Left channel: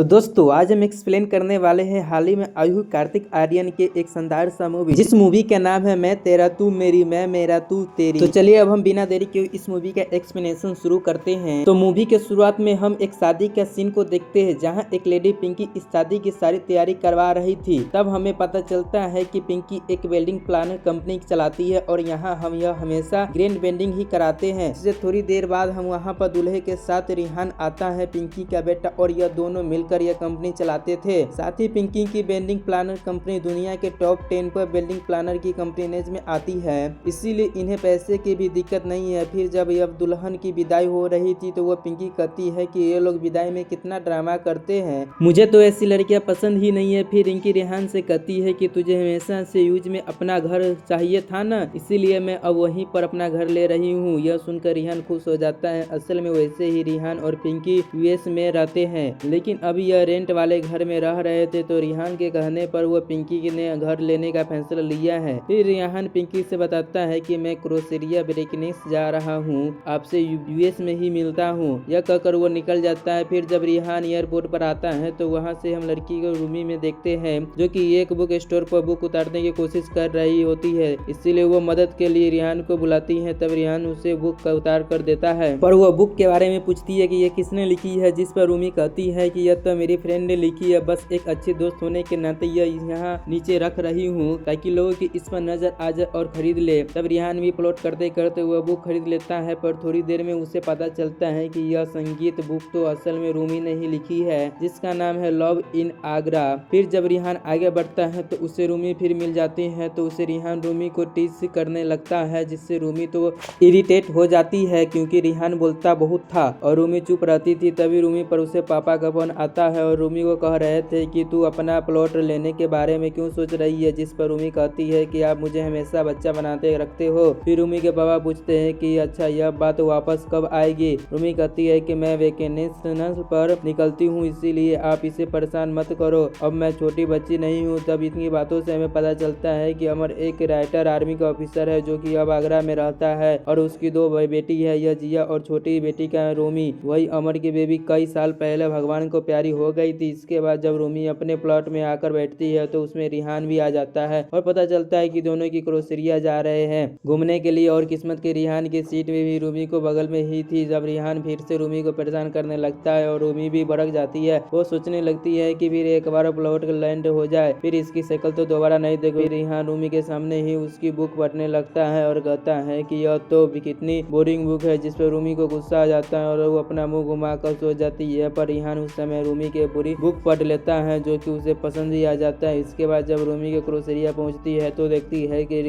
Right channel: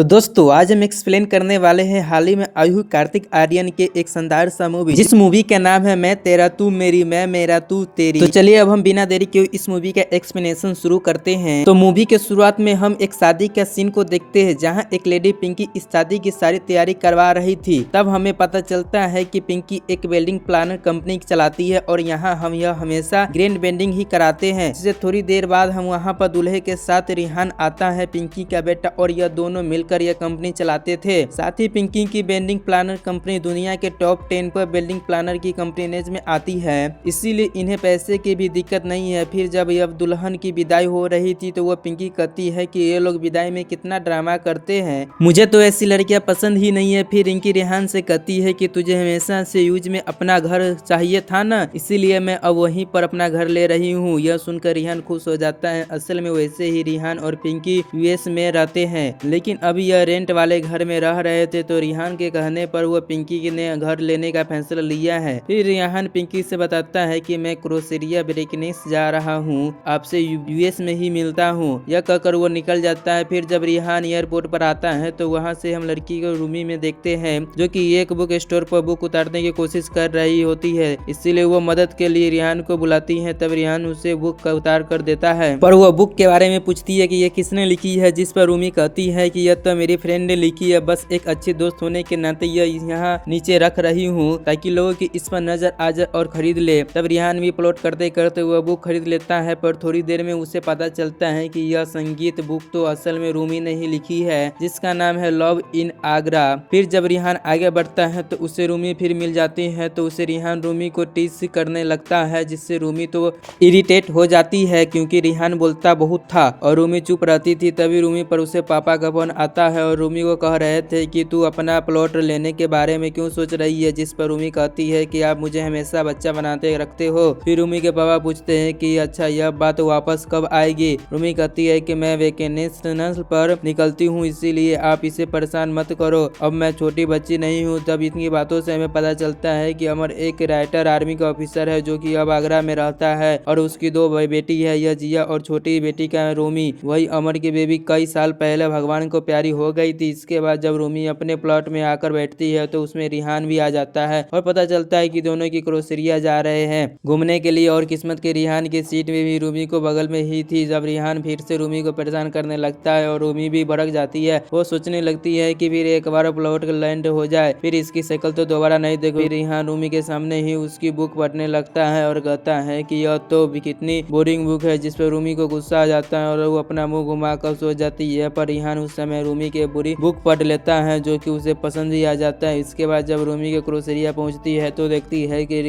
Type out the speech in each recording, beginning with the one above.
तो दोस्तों आज हम एक्सप्लेन करने वाले हैं हाल ही में आई हुई कार्तिक आर्यन के एक शानदार सा मूवी, जिस मूवी का नाम है मैं तेरा तू मेरी मैं मेरा तू तेरी। तो चलिए अब हम बिना देरी के इस मूवी का एक्सप्लेनेशन शुरू करते हैं। तो मूवी के शुरुआत में हम एक शादी का सीन को देखते हैं, जहां एक लेडी पिंकी इस शादी की सारी तैयारी करवा रही थी। तब हमें पता चलता है कि पिंकी एक वेडिंग प्लानर कंपनी चलाती है और यहाँ हम यह हमेशा ग्रैंड वेडिंग ही कराते हैं। जिससे थोड़ी देर बाद हम वहाँ पर दूल्हे के साथ रिहान आता है, पिंकी का बेटा, और यह दोनों मिलकर यह कंपनी चलाते थे। साथ ही पिंकी की वेडिंग प्लानर कंपनी दुनिया के टॉप 10 पर वेडिंग प्लानर की कंपनीज में आती है, इसीलिए इन्हें पैसे की भी दिक्कत नहीं है। फिर जब यह दुल्हन की विदाई हो रही थी तो वह पिंकी कहती है कि ये लोग विदाई में कितना ड्रामा करते हैं, मुझे तो ऐसी लड़कियां पसंद ही नहीं है। फिर रिंकी रिहान से कहती है कि तुझे हमेशा से यूज में अपना घर चाहिए था ना, इसीलिए मैं अब वहीं पर अपना घर ले रही हूँ। यह सुनकर रिहान खुश हो जाता है। असल में वैसे ही रिहान और पिंकी यूएस में रहते हैं, लेकिन अभी यह रेंट वाले घर में रह रहे थे। तो रिहान के कहने पर वह पिंकी ने घर लेने का फैसला लिया है। फिर रिहान पिंकी से बताता है कि मैं क्रोसेरिया ब्रेकनेस जा रहा हूँ, आपसे यूएस में ही मिलता हूँ। यह कहकर वो निकल जाता है। फिर जब रिहान एयरपोर्ट पर आता है तो वहाँ से हम लड़की को रूमी में देखते हैं, जो कि एक बुक स्टोर पर बुक उतारने की कोशिश कर रही होती है, इसीलिए वो मदद के लिए रिहान को बुलाती है। तब रिहान उसे बुक का उतार कर देता है, पर वह बुक के बारे में पूछती है कि यह किसने लिखी है, जिस पर रूमी कहती है कि यह तो मेरी फ्रेंड ने लिखी है, बस एक अच्छी दोस्त होने के नाते यह यहाँ नीचे रख रही हूँ ताकि लोगों की इस पर नजर आ जाए और खरीद ले। तब रिहान भी प्लॉट करते करते वह बुक खरीद लेता है, पर थोड़ी देर में उसे पता चलता है कि यह संगीत बुक तो असल में रूमी ने ही लिखी है, जिसका नाम है लव इन आगरा। फिर जब रिहान आगे बढ़ता है तो उसे रूमी फिर मिल जाती है, तो उसे रिहान रूमी को टीज करने लगता है, जिससे रूमी तो इरिटेट हो जाती है क्योंकि रिहान बोलता बहुत था और रूमी चुप रहती थी। तभी रूमी पर उसे पापा का फोन आता है और रूमी को कह रहे थे कि तू अपना प्लॉट लेने के बारे में क्यों सोच रही है, जिस पर रूमी कहती है कि आप मुझे हमेशा बच्चा बनाते रखते हो। फिर रूमी के पापा पूछते हैं कि अच्छा यह बात वापस कब आएगी। रूमी कहती है कि मैं वेकेशनल पर निकलती हूँ, इसीलिए आप इसे परेशान मत करो, अब मैं छोटी बच्ची नहीं हूँ। तब इतनी बातों से हमें पता चलता है कि अमर एक राइटर आर्मी का ऑफिसर है, जो कि अब आगरा में रहता है और उसकी दो बेटी है, यह जिया और छोटी बेटी का रूमी। वही अमर की बेबी कई साल पहले भगवान को प्यारी हो गई थी। इसके बाद जब रूमी अपने प्लॉट में आकर बैठती है तो उसमें रिहान भी आ जाता है और पता चलता है कि दोनों की क्रोसेरिया जा रहे हैं घूमने के लिए। और किस्मत के रिहान की सीट में भी रूमी को बगल में ही थी। जब रिहान फिर से रूमी को परेशान करने लगता है और रूमी भी भड़क जाती है, वो सोचने लगती है कि फिर एक बार प्लॉट लैंड हो जाए, फिर इसकी शक्ल तो दोबारा नहीं देखो। रिहान रूमी के सामने ही उसकी बुक पढ़ने लगता है और कहता है कि यह तो कितनी बोरिंग बुक है, जिस पर रूमी को गुस्सा आ जाता है और वो अपना मुंह घुमा कर सो जाती है। पर रिहान उस समय रूमी के पूरी बुक पढ़ लेता है, जो कि उसे पसंद ही आ जाता है। इसके बाद जब रूमी के क्रोसेरिया पहुंचती है तो देखती है कि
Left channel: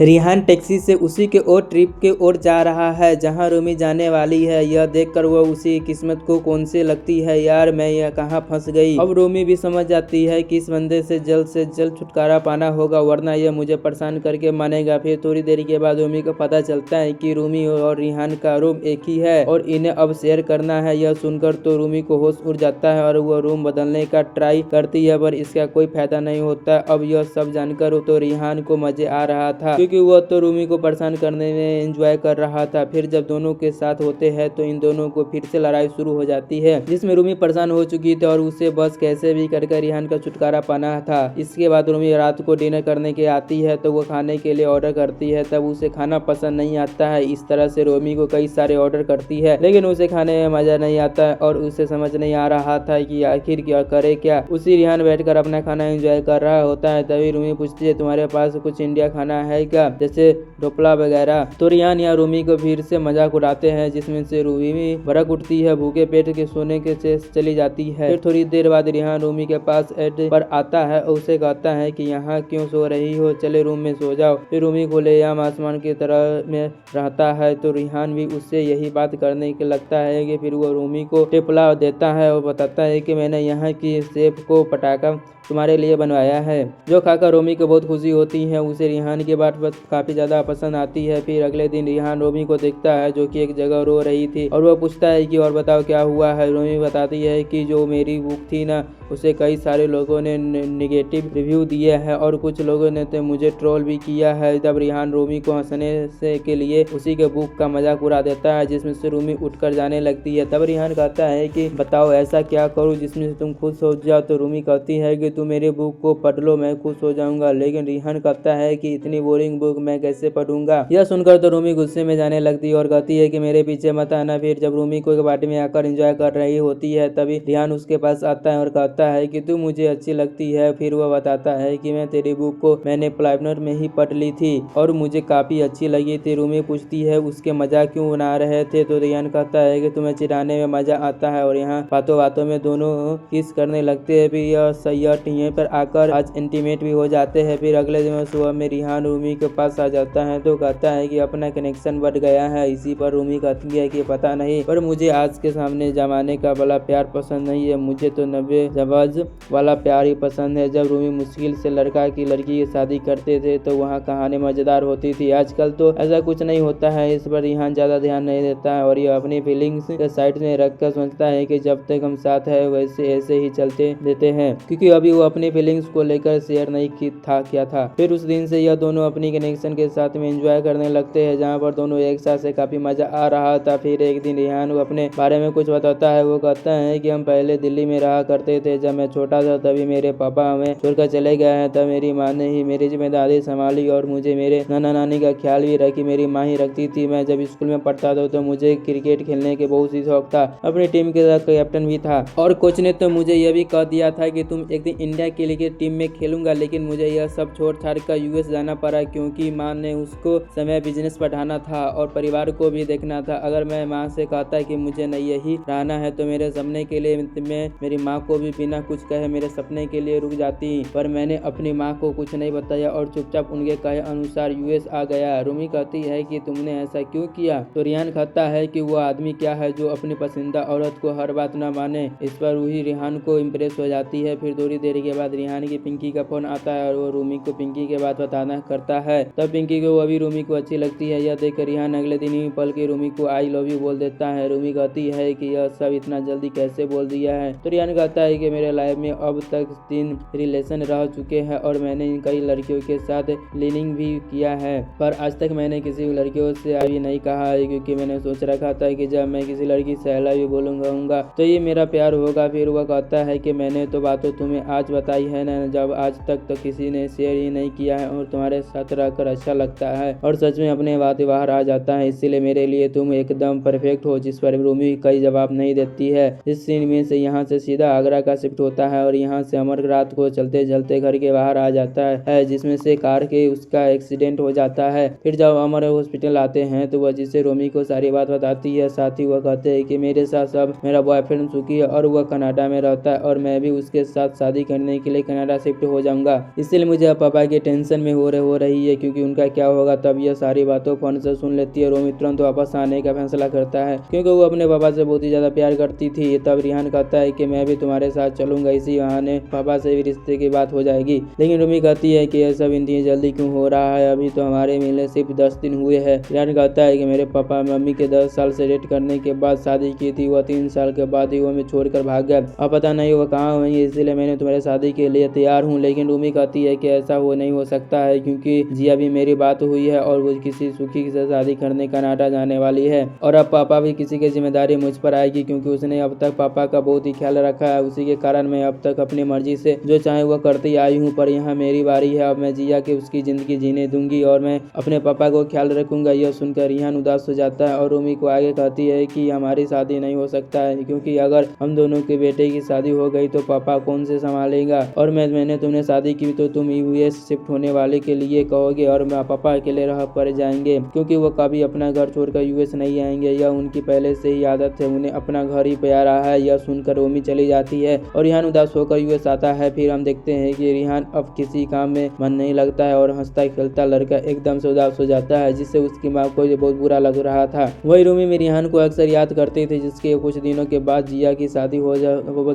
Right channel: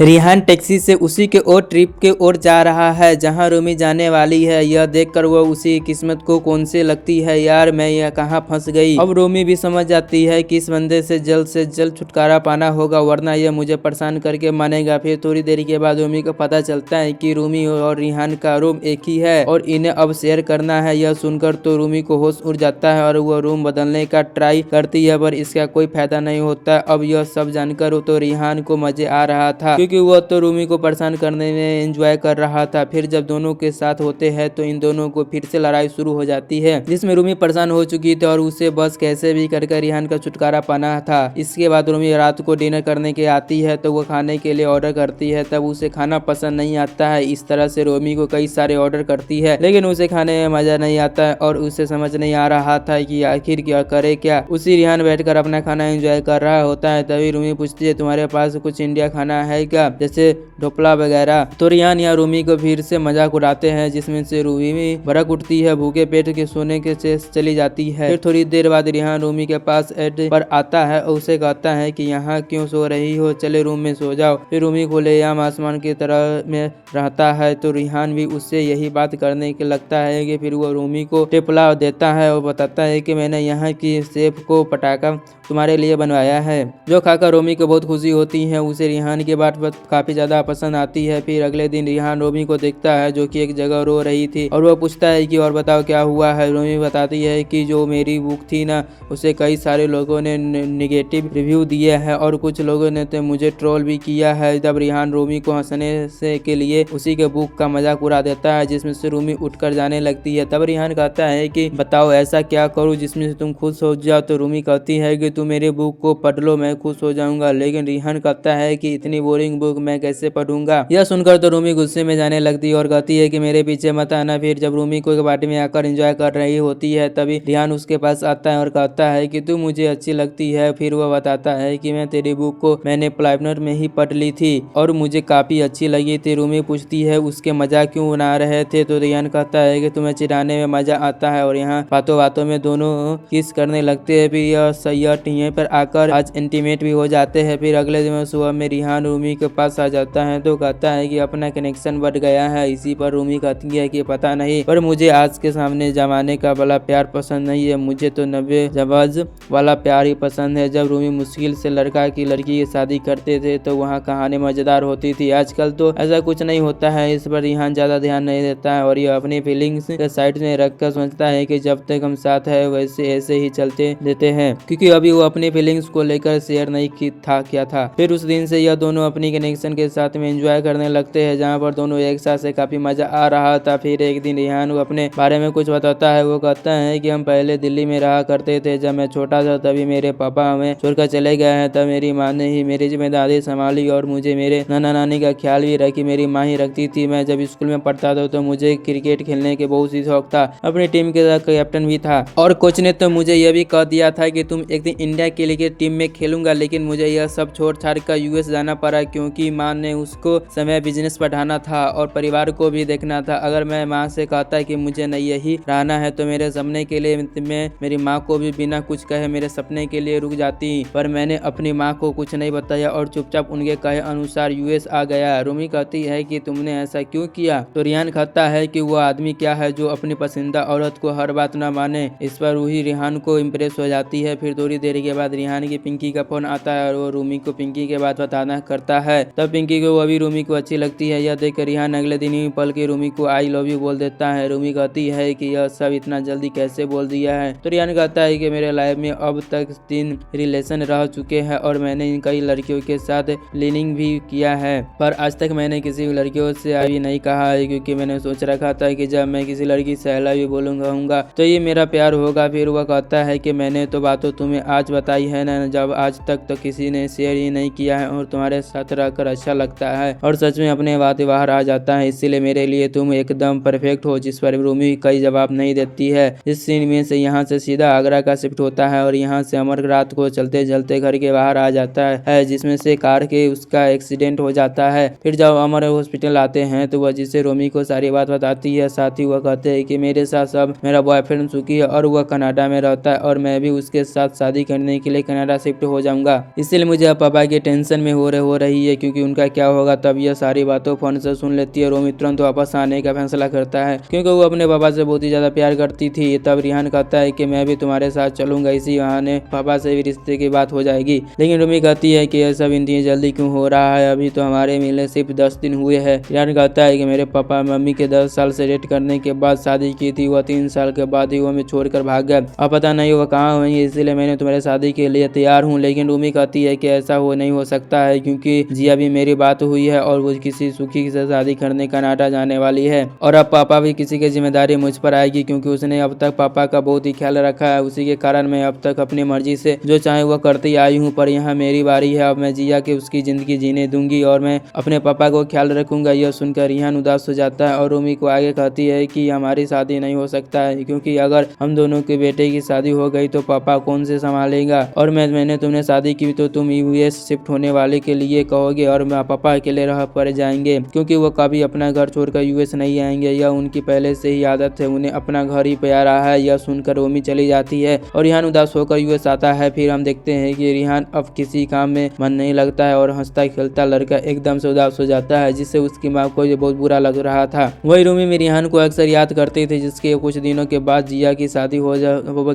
रिहान टैक्सी से उसी के और ट्रिप के ओर जा रहा है जहां रूमी जाने वाली है। यह देखकर वो उसी किस्मत को कौन से लगती है, यार मैं यह कहाँ फंस गई। अब रूमी भी समझ जाती है कि इस बंदे से जल्द छुटकारा पाना होगा, वरना यह मुझे परेशान करके मानेगा। फिर थोड़ी देर के बाद रूमी को पता चलता है कि रूमी और रिहान का रूम एक ही है और इन्हें अब शेयर करना है। यह सुनकर तो रूमी को होश उड़ जाता है और वह रूम बदलने का ट्राई करती है, पर इसका कोई फायदा नहीं होता। अब यह सब जानकर तो रिहान को मजे आ रहा था, क्योंकि वह तो रूमी को परेशान करने में एंजॉय कर रहा था। फिर जब दोनों के साथ होते हैं तो इन दोनों को फिर से लड़ाई शुरू हो जाती है, जिसमें रूमी परेशान हो चुकी थी और उसे बस कैसे भी करके रिहान का छुटकारा पाना था। इसके बाद रूमी रात को डिनर करने के आती है तो वो खाने के लिए ऑर्डर करती है। तब उसे खाना पसंद नहीं आता है। इस तरह से रूमी को कई सारे ऑर्डर करती है, लेकिन उसे खाने में मजा नहीं आता है और उसे समझ नहीं आ रहा था कि आखिर क्या करे क्या। उसी रिहान बैठकर अपना खाना एंजॉय कर रहा होता है। तभी रूमी पूछती है तुम्हारे पास कुछ इंडिया खाना है क्या, जैसे ढोकला वगैरह। तो रिहान या रूमी को फिर से मजाक उड़ाते हैं, जिसमें से रूमी भड़क उठती है, भूखे पेट के सोने के से चली जाती है। फिर थोड़ी देर बाद रिहान रूमी के पास एड पर आता है और उसे कहता है कि यहाँ क्यों सो रही हो, चले रूम में सो जाओ। फिर रूमी खुलेआम आसमान की तरह में रहता है तो रिहान भी उससे यही बात करने के लगता है कि फिर वो रूमी को टिपला देता है और बताता है कि मैंने यहाँ की शेफ को पटाखा तुम्हारे लिए बनवाया है, जो खाकर रूमी को बहुत खुशी होती है। उसे रिहान की बात काफी ज्यादा पसंद आती है। फिर अगले दिन रिहान रूमी को देखता है, जो कि एक जगह रो रही थी, और वो पूछता है कि और बताओ क्या हुआ है। रूमी बताती है कि जो मेरी बुक थी ना, उसे कई सारे लोगों ने निगेटिव रिव्यू दिए हैं और कुछ लोगों ने तो मुझे ट्रोल भी किया है। तब रिहान रूमी को हंसने से के लिए उसी के बुक का मजाक उड़ा देता है, जिसमें से रूमी उठकर जाने लगती है। तब रिहान कहता है कि बताओ ऐसा क्या क्या करूँ जिसमें से तुम खुश हो जाओ। तो रूमी कहती है कि तुम मेरे बुक को पढ़ लो, मैं खुश हो जाऊंगा। लेकिन रिहान कहता है कि इतनी बोरिंग बुक मैं कैसे पढ़ूंगा। यह सुनकर तो रूमी गुस्से में जाने लगती है और कहती है कि मेरे पीछे मत आना। फिर जब रूमी को पार्टी में आकर एंजॉय कर रही होती है तभी रिहान उसके पास आता है और कहता है कि तू मुझे अच्छी लगती है। फिर वह बताता है कि मैं तेरी बुक को मैंने प्लाइनर में ही पढ़ ली थी और मुझे काफी अच्छी लगी थी। रूमी पूछती है उसके मजाक क्यों बना रहे थे। तो रिहान कहता है कि तुम्हें चिढ़ाने में मजा आता है और यहाँ बातों बातों में दोनों किस करने लगते हैं। फिर यह सैयद टीए पर आकर आज इंटीमेट भी हो जाते हैं। फिर अगले दिन सुबह में रिहान रूमी के पास आ जाता है तो कहता है कि अपना कनेक्शन बढ़ गया है। इसी पर रूमी कहती है कि पता नहीं पर मुझे आज के सामने जमाने का वाला प्यार पसंद नहीं है, मुझे तो 90 जवाज वाला प्यार ही पसंद है। जब रूमी मुश्किल से लड़का की लड़की की शादी करते थे तो वहाँ कहानी मजेदार होती थी। आजकल तो ऐसा कुछ नहीं होता है। इस पर रिहान ज्यादा ध्यान नहीं देता है और यह अपनी फीलिंग्स के साइड में रखकर सोचता है कि जब तक हम साथ है वैसे ऐसे ही चलते देते हैं, क्योंकि अभी वो अपनी फीलिंग्स को लेकर शेयर नहीं किया था। फिर उस दिन से यह दोनों अपनी कनेक्शन के साथ में एंजॉय करने लगते हैं, जहाँ पर दोनों एक साथ से काफी मजा आ रहा था। फिर एक दिन रिहान अपने बारे में कुछ बताता है। वो कहता है कि हम पहले दिल्ली में रहा करते थे, जब मैं छोटा था तभी मेरे पापा हमें छोड़कर चले गए हैं। तब मेरी माँ ने ही मेरी जिम्मेदारी संभाली और मुझे मेरे नाना नानी का ख्याल भी रखी मेरी माँ ही रखती थी। मैं जब स्कूल में पढ़ता था तो मुझे क्रिकेट खेलने के बहुत ही शौक था, अपनी टीम के साथ कैप्टन भी था और कोच ने तो मुझे यह भी कह दिया था कि तुम एक दिन इंडिया के लिए टीम में खेलूंगा। लेकिन मुझे यह सब छोड़ छाड़ कर यूएस जाना पड़ा, क्योंकि माँ ने उसको समय बिजनेस पढ़ाना था और परिवार को भी देखना था। अगर मैं माँ से कहता कि मुझे नहीं यही रहना है तो मेरे सपने के लिए मैं मेरी माँ को भी बिना कुछ कहे मेरे सपने के लिए रुक जाती, पर मैंने अपनी माँ को कुछ नहीं बताया और चुपचाप उनके कहे अनुसार यूएस आ गया। रूमी कहती है कि तुमने ऐसा क्यों किया। तो रिहान कहता है कि वो आदमी क्या है जो अपनी पसंदीदा औरत को हर बात न माने। इस पर रूही रिहान को इम्प्रेस हो जाती है। फिर थोड़ी देर के बाद रिहान की पिंकी का फोन आता है और वो रूमी को पिंकी के बात बताना करता है। तब पिंकी को अभी रूमी को अच्छी लगती है। यह देख रिहान अगले दिन ही पल के रूमी को आई लव यू बोल देता है। रूमी कहती है कि यह सब इतना जल्दी कैसे बोल दिया है। तो रिहान कहता है कि मेरे लाइफ में अब तक 3 रिलेशन रह चुके हैं और मैंने कई लड़कियों के साथ लिविंग भी किया है, पर आज तक मैंने किसी लड़कियों से अभी नहीं कहा है, क्योंकि मैंने सोच रखा था कि जब मैं किसी लड़की से आई लव यू बोलूंगा तो ये मेरा प्यार होगा। फिर वह कहता है कि मैंने तो बातों तुम्हें आज बताई है ना, जब आज तक तो किसी ने शेयर ही नहीं किया है और तुम्हारे साथ रहकर अच्छा लगता है और सच में अपने बात बाहर आ जाता है, इसीलिए मेरे लिए तुम एकदम परफेक्ट हो। जिस पर रूमी कई जवाब नहीं देती है। इस सीन में से यहाँ से सीधा आगरा का शिफ्ट होता है और यहाँ से अमर रात को चलते चलते घर के बाहर आ जाता है, जिसमें से कार के उसका एक्सीडेंट हो जाता है। फिर जब अमर हॉस्पिटल आते हैं तो वह जिसे रूमी को सारी बात बताती है। साथ ही वह कहते हैं कि मेरे साथ सब मेरा बॉयफ्रेंड सुखी है और वह कनाडा में रहता है और मैं भी उसके साथ शादी करने के लिए कनाडा शिफ्ट हो जाऊंगा, इसलिए मुझे अब पापा के टेंशन में हो रही है क्योंकि उनका क्या होगा। तब यह सारी बातों फोन से सुन लेती है। रूमी तुरंत वापस आने का फैसला करता है क्योंकि वो अपने पापा से बहुत ही ज्यादा प्यार करती थी। तब रिहान कहता है कि मैं भी तुम्हारे साथ चलूंगा, इसी बहाने पापा से भी रिश्ते की बात हो जाएगी। लेकिन रूमी कहती है कि यह सब इतनी जल्दी क्यों हो रहा है, अभी तो हमारे मिलने सिर्फ 10 दिन हुए हैं। रिहान कहता है कि मेरे पापा मम्मी के 10 साल से डेट करने के बाद शादी की थी, वह 3 साल के बाद ही वो हमें छोड़कर भाग गए। अब पता नहीं वो कहाँ हुई, इसलिए मैंने तुम्हारे शादी के लिए तैयार हूँ। लेकिन रूमी कहती है कि ऐसा वो नहीं हो सकता है क्योंकि जिया भी मेरी बात हुई है और वो किसी सुखी से शादी करने कनाडा जाने वाली है और अब पापा भी किसी की जिम्मेदारी मुझ पर आएगी क्योंकि उसने अब तक पापा का बहुत ही ख्याल रखा है। उसी के कारण मैं अब तक अपनी मर्जी से जो चाहे वो करती आई हूँ, पर यहाँ मेरी बारी है। अब मैं जिया के उसकी जिंदगी जीने दूंगी और मैं अपने पापा को ख्याल रखूंगा। यह सुनकर रिहान उदास हो जाता है और रूमी को आगे कहती है कि हमारी शादी नहीं हो सकता है क्योंकि अगर हम दोनों के बेटे की शादी हो गई तो पापा कौन से संभालेगा, और मैंने तुमने शादी की तो तुम यूएस शिफ्ट होने वाले के लिए कहोगे और पापा अकेले रह पड़ जाएंगे क्योंकि वो कभी अपना घर छोड़कर यूएस नहीं आएंगे। यह उनकी पहले से ही आदत है, उन्हें अपना घर ही प्यारा है। यह सुनकर रूमी चली जाती है और रिहान उदास होकर यूएस आता है। फिर हम देखते हैं कि रिहान अब किसी काम में मन नहीं लगता है और हंसता खेलता लड़का एकदम से उदास हो जाता है, जिससे उसकी माँ को ये बहुत बुरा लग रहा था। वही रूमी में रिहान को अक्सर याद करते थे, जिसके कुछ दिनों के बाद जिया की शादी हो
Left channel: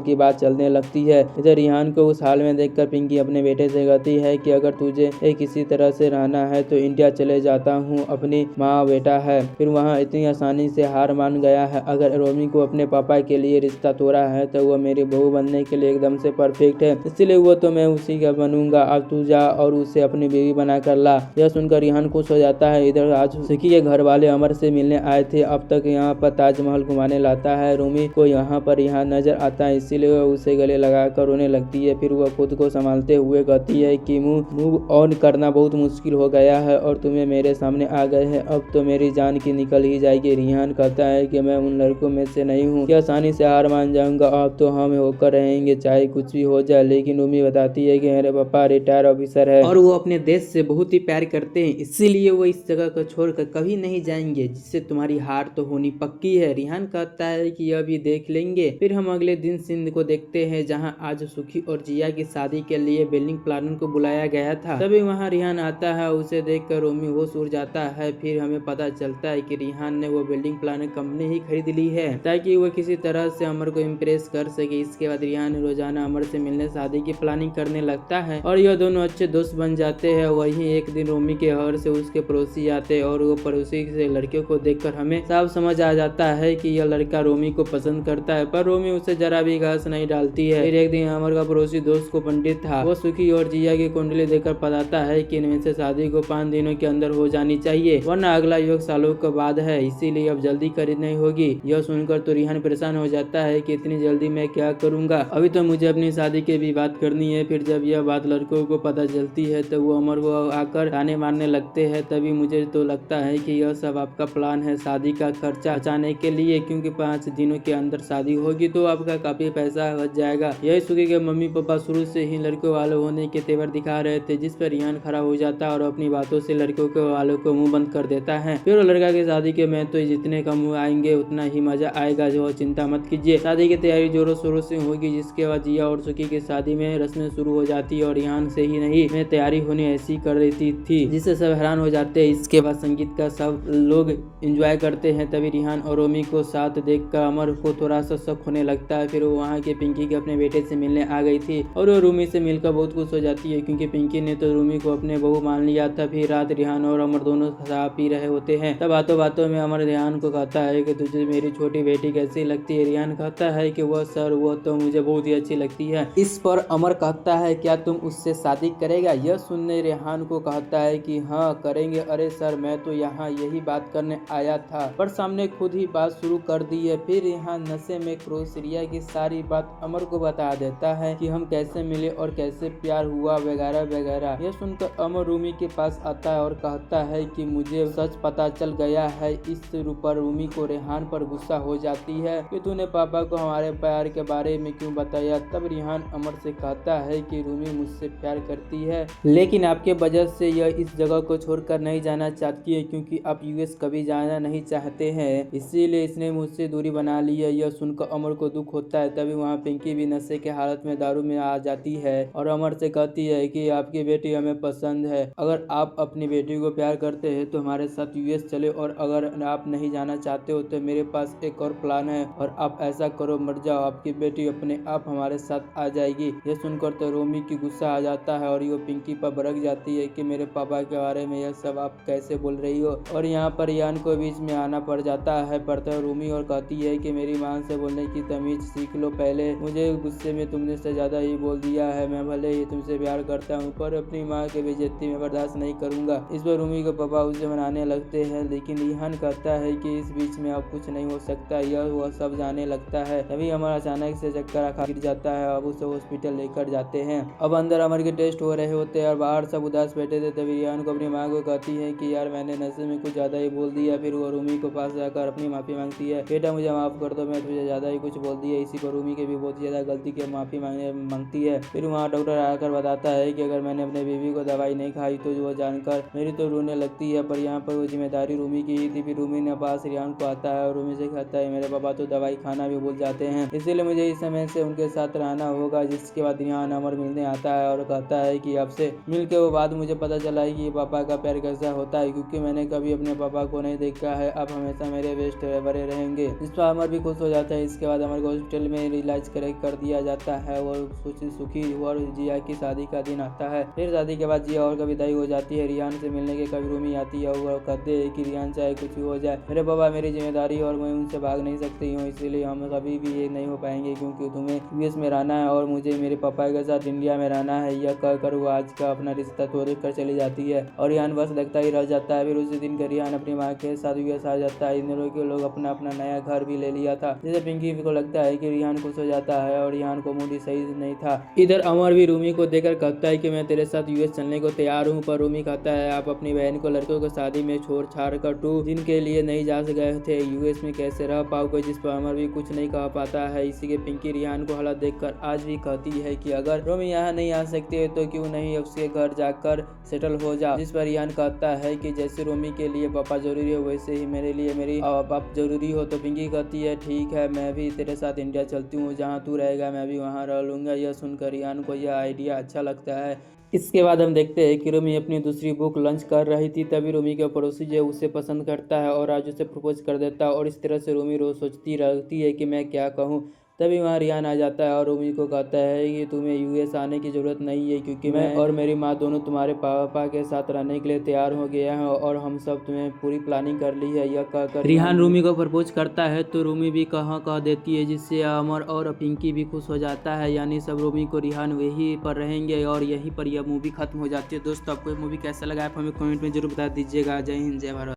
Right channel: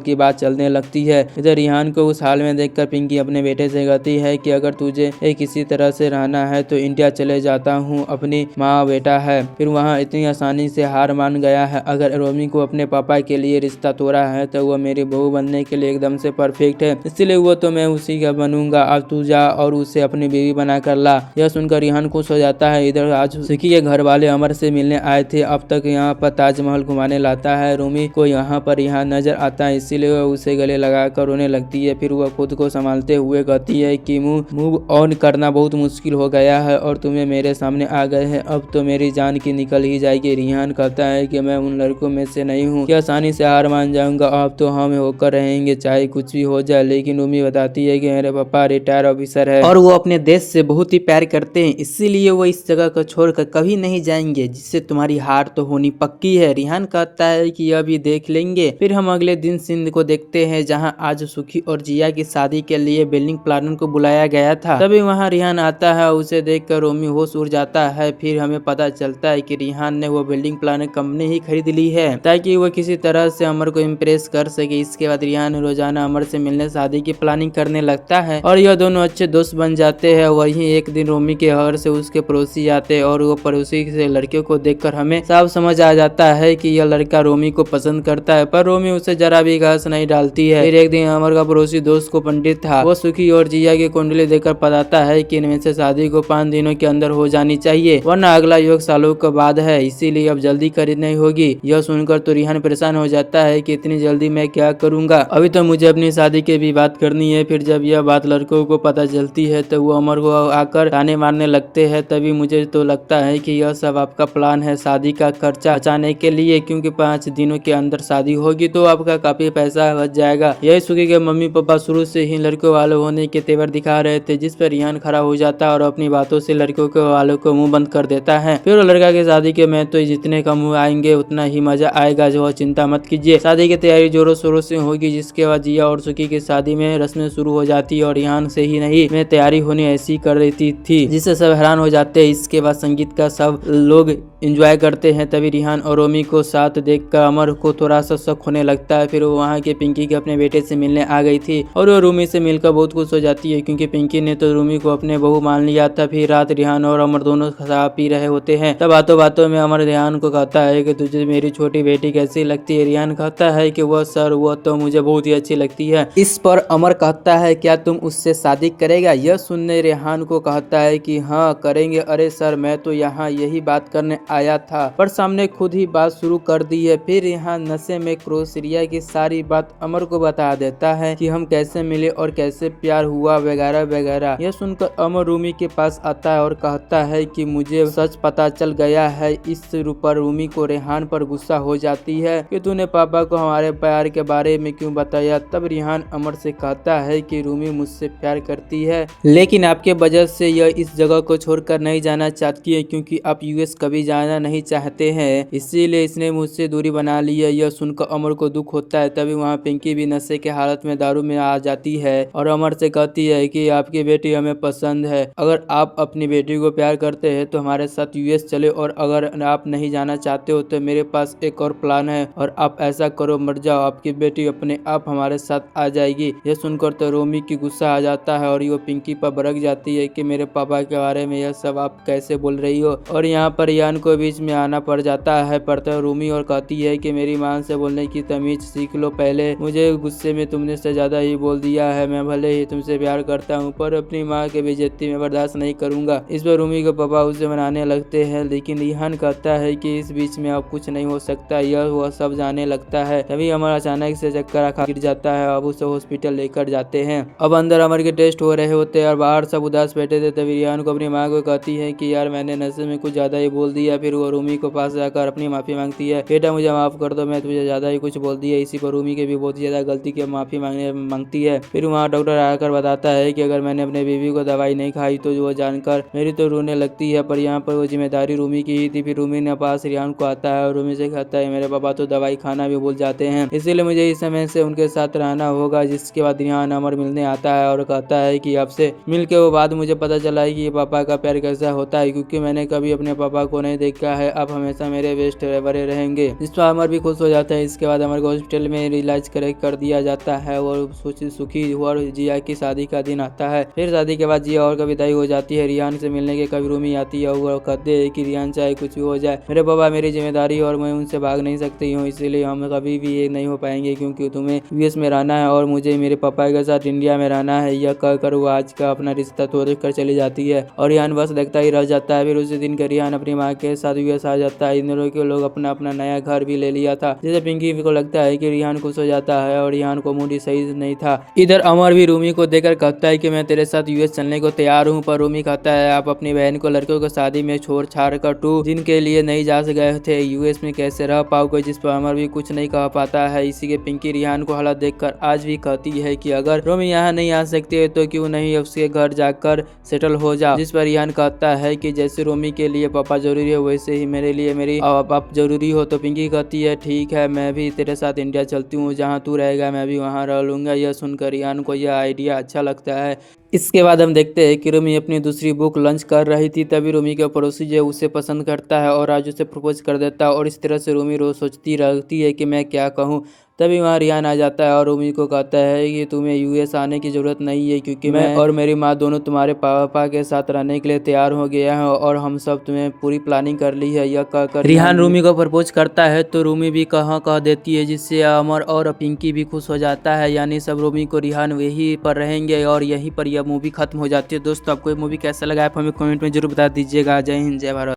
की बात चलने लगती है। इधर रिहान को उस हाल में देखकर पिंकी अपने बेटे से कहती है कि अगर तुझे किसी तरह से रहना है तो इंडिया चले जाता हूँ, अपनी माँ बेटा है। फिर वहाँ इतनी आसानी से हार मान गया है। अगर रोमी को अपने पापा के लिए रिश्ता तोड़ा है तो वो मेरी बहू बनने के लिए एकदम से परफेक्ट है, इसलिए वो तो मैं उसी का बनूंगा। अब तू जा और उसे अपनी बीवी बना कर ला। यह सुनकर रिहान खुश हो जाता है। इधर आज सुखी के घर वाले अमर से मिलने आए थे। अब तक यहाँ पर ताजमहल घुमाने लाता है। रूमी को यहाँ पर रिहान नजर आता है, इसीलिए वह उसे गले लगाकर रोने लगती है। फिर वह खुद को संभालते हुए कहती है कि मूव ऑन करना बहुत मुश्किल हो गया है और तुम्हें मेरे सामने आ गए हैं, अब तो मेरी जान की निकल ही जाएगी। रिहान कहता है कि मैं उन लड़कों में से नहीं हूँ कि आसानी से हार मान जाऊंगा, अब तो हम होकर रहेंगे चाहे कुछ भी हो जाए। लेकिन उम्मी बताती है कि मेरे पापा रिटायर ऑफिसर है और वो अपने देश से बहुत ही प्यार करते हैं, इसीलिए वो इस जगह को छोड़कर कभी नहीं जाएंगे, जिससे तुम्हारी हार तो होनी पक्की है। रिहान कहता है कि अभी देख लेंगे। फिर हम अगले दिन सिंध को देखते हैं, जहाँ आज सुखी और जिया की शादी के लिए वेडिंग प्लानर को बुलाया गया था। तभी वहाँ रिहान आता है, उसे देखकर रोमी होश उड़ जाता है। फिर हमें पता चलता है कि रिहान ने वो वेडिंग प्लानर कंपनी ही खरीद ली है ताकि वो किसी तरह से अमर को इम्प्रेस कर सके। इसके बाद रिहान रोजाना अमर से मिलने शादी की प्लानिंग करने लगता है और यह दोनों अच्छे दोस्त बन जाते हैं। वहीं एक दिन रोमी के घर से उसके पड़ोसी आते हैं और वो पड़ोसी से लड़के को देखकर हमें साफ समझ आ जाता है कि यह लड़का रोमी को पसंद करता है, पर रोमी उसे जरा भी घास नहीं डालती है। फिर एक दिन अमर का पड़ोसी दोस्त को पंडित था, वो सुखी और जिया की कुंडली देखकर बताता है कि इनमें से शादी को 5 दिनों के अंदर हो जानी चाहिए, वरना अगला योग सालों के बाद है, इसीलिए अब जल्दी करनी होगी। यह सुनकर तो रिहान परेशान हो जाता है कि इतनी जल्दी मैं क्या करूंगा, अभी तो मुझे अपनी शादी की भी बात करनी है। फिर जब यह बात लड़कों को पता चलती है तो वो अमर को आकर ताने मारने लगते हैं। तभी मुझे तो लगता है कि यह सब आपका प्लान है शादी का खर्चा बचाने के लिए, क्योंकि 5 दिनों के अंदर शादी होगी तो आपका काफी पैसा बच जाएगा। यही सुखी के मम्मी पापा शुरू से ही लड़कों वालों होने के तेवर दिखा रहे थे, जिस पर रिहान खड़ा हो जाता है और अपनी बातों से लड़कों के वालों को मुंह बंद कर देता है। फिर लड़का की शादी के में तो जितने कम आएंगे उतना ही मजा आएगा, जो चिंता मत कीजिए। शादी की तैयारी जोरों शोरों से होगी, जिसके बाद जिया और सुखी की शादी में रस्में शुरू हो जाती है और रिहान से ही नहीं में तैयारी होनी ऐसी कर देती थी, जिससे सब हैरान हो जाते हैं। इसके बाद संगीत का सब लोग एंजॉय करते हैं। तभी रिहान और रोमी को साथ देखकर अमर को थोड़ा सा शक होने लगता है। फिर वो वहाँ के पिंकी के अपने बेटे से मिलने आ गई थी और वो रूमी से मिलकर बहुत खुश हो जाती है, क्योंकि पिंकी ने तो रूमी को अपने बहू मान लिया था। फिर रात रिहान और अमर दोनों शराब पी रहे होते हैं। तब बातों बातों में अमर रिहान को कहता है कि तुझे मेरी छोटी बेटी कैसी लगती है। रिहान कहता है कि वह सर वो तो मुझे बहुत ही अच्छी लगती है। इस पर अमर कहता है क्या तुम उससे शादी करेगा। यह सुनने रिहान को कहता है कि हाँ करेंगे। अरे सर मैं तो यहाँ यही बात करने आया था, पर सामने खुद ही बात शुरू कर दी है। फिर यहाँ नशे में क्रोसरिया की सारी बात अमर को बता देता है कि हम कैसे मिले और कैसे प्यार हुआ वगैरह वगैरह। यह सुनकर अमर रूमी के पास आता है और कहता है कि मुझे सच पता चल गया है। इस पर रूमी को रेहान पर गुस्सा हो जाती है कि तूने पापा को हमारे प्यार के बारे में क्यों बताया। तब रिहान अमर से कहता है कि रूमी मुझसे प्यार करती है, लेकिन आपके वजह से यह इस जगह को छोड़कर नहीं जाना चाहती है, क्योंकि आप यूएस कभी जाना नहीं चाहते हैं, इसीलिए इसने मुझसे दूरी बना ली है। यह सुनकर अमर को दुख होता है। तभी वहाँ पिंकी भी नशे के हालत में दारू में आ जाती है और अमर से कहती है कि आपकी बेटी हमें पसंद है, अगर आप अपनी बेटी को प्यार करते हैं तो हमारे साथ यूएस चले, और अगर आप नहीं जाना चाहते हो तो मेरे पास एक और प्लान है, और आप ऐसा करो मर जाओ, आपकी बेटी अपने आप हमारे साथ आ जाएगी। यह सुनकर तो रोमी की गुस्सा आ जाता है और वो पिंकी पर भड़क जाती है कि मेरे पापा के बारे में यह सब आप कैसे बोल रही हो। और यहाँ पर यान को बीच में आना पड़ जाता है पड़ता रूमी और कहती है कि मेरी मां से बोलने की तमीज सीख लो पहले, मुझे गुस्से में तुमने से ज्यादा ही बोल दिया है। मैं भले ही तुमसे प्यार करता हूँ पर अपनी माँ के बेइज्जती में बर्दाश्त नहीं करूंगा। इस पर रूमी के पापा उसे मनाने लगते हैं, लेकिन रिहान कहता है कि इस बीच में अब कुछ नहीं हो सकता। यह वह सब जाने लगता है। तभी अमर अचानक से चक्कर खा गिर जाता है। अब उसे हॉस्पिटल लेकर जाते हैं। अब अंदर अमर के टेस्ट हो रहे होते हैं और बाहर सब उदास बैठे थे। तभी रिहान को अपनी माँ को कहती है कि यार मैंने नशे में कुछ ज्यादा ही बोल दिया। फिर वो रूमी को पास जाकर अपनी माफी मांगती है, बेटा मुझे माफ कर दो, मैं तुझे ज्यादा ही कुछ बोल दिया। इसी पर रूमी के भी बहुत ज्यादा गलती की माफी मांगती है। फिर वहाँ डॉक्टर आकर बताता है कि अगर मैंने अपने बीवी को दवाई नहीं खाई तो वो जानकर मेरी तो रोने लगती है, पर यहाँ पर वो जिम्मेदारी रूमी की ही थी। फिर रूमी ने पास रिहान को आता है और रूमी से कहता है मेरे पापा तो दवाई खाना भी भूल जाते हैं, इसीलिए मुझे इस समय से उनके साथ रहना होगा। जिसके बाद रिहान अमर मिलने आता है और कहता है कि आपसे मिल के वो बाद मुझे पता चला है कि पापा का प्यार कैसा होता है, क्योंकि मैंने कभी अपने पापा को नहीं देखा है। आप हमेशा मेरे बेस्ट बड़े रहेंगे। इस पर अमर भी खुश हो जाता है। इसके बाद अमर को हॉस्पिटल में इलाज कर दिया जाता है और सुखी और जिया की शादी का दिन आता है। फिर शादी के बाद जिया और का विदाई हो जाती है। रिहान से मिलने के कभी रूमी आती है और वो कहते हैं कि रिहान चाहे कुछ भी हो जाए मेरे पापा मेरी जिम्मेदारी और मैं उनसे भाग नहीं सकती हूँ, इसलिए हम कभी भी ये नहीं हो पाएंगे, क्योंकि तुम्हें यूएस में रहना है और मुझे मेरे पापा के साथ इंडिया में रहना है। यह कहकर वो आज का अपना रिश्ता तोड़ कर चली जाती है और रिहान बस देखता ही रह जाता है। फिर उसी दिन रिहान अपनी माँ के साथ यूएस आ जाता है। इन दोनों के लोग अपना अपना नया घर भी ले लिया था, जिसे पिंकी पिंकी को लगता है कि रिहान खुश हो जाता है और रिहान को मूड सही नहीं था। इधर अमर भी रूमी को देखकर कहता है कि मैं तेरे साथ यूएस चलने को तैयार हूँ, पर रूमी कहता है आप अपनी बहन को लड़कियों को शादी में छोड़ छाड़ कर तू जिनके लिए नहीं जा गए थे यूएस में कैसे रह पाओगे, जिस पर अमर भी कुछ नहीं कह पाता है। इसी के पिंकी रिहान को हालत देखकर आज भी कहती है कि अगर रूमी यहाँ नहीं आ सकती है तो क्यों नहीं उसके घर जाकर सेटल हो जा, जिस पर रिहान कहता है कि जैसे रूमी के लिए पापा जरूरी है वैसे ही मेरे लिए मेरी आप जरूरी हो। तो पिंकी कहती है ठीक है मैं भी तेरे साथ इंडिया चलती हूँ, जहाँ तू रहेगा मैं भी वहाँ रह लूँगा। यह सुनकर रिहान को यह आइडिया अच्छा लगता है। इसके बाद हम देखते हैं कि रूमी अपनी दूसरी बुक लंच कर रही थी, तभी रूमी का पड़ोसी जो उसे पसंद करता है और आज उसे प्रपोज कर देता है और इस तरह से रूमी रोज सोचती रहती है कि मैं क्या कहूँ। तभी वहाँ रिहान आ जाता है और रूमी को कहता है कि तुम्हें यूएस आने की ज़रूरत नहीं है क्योंकि मैं और मेरी माँ दोनों तुम्हारे पापा के साथ रहने के लिए तैयार हो गया है और हम सब तुम्हें पूरी प्लानिंग कर ली है। यह कहकर रिहान रूमी को प्रपोज करता है तो रूमी भी कह देती है, जिससे अमर और पिंकी भी खुश हो जाता है। यानी सब रूमी को रिहान यहीं पर रहेंगे और यहीं पर यह मूवी खत्म हो जाती है। दोस्तों आपको ये मूवी कैसा लगा आप हमें कमेंट में जरूर बता दीजिएगा। जय हिंद जय भारत।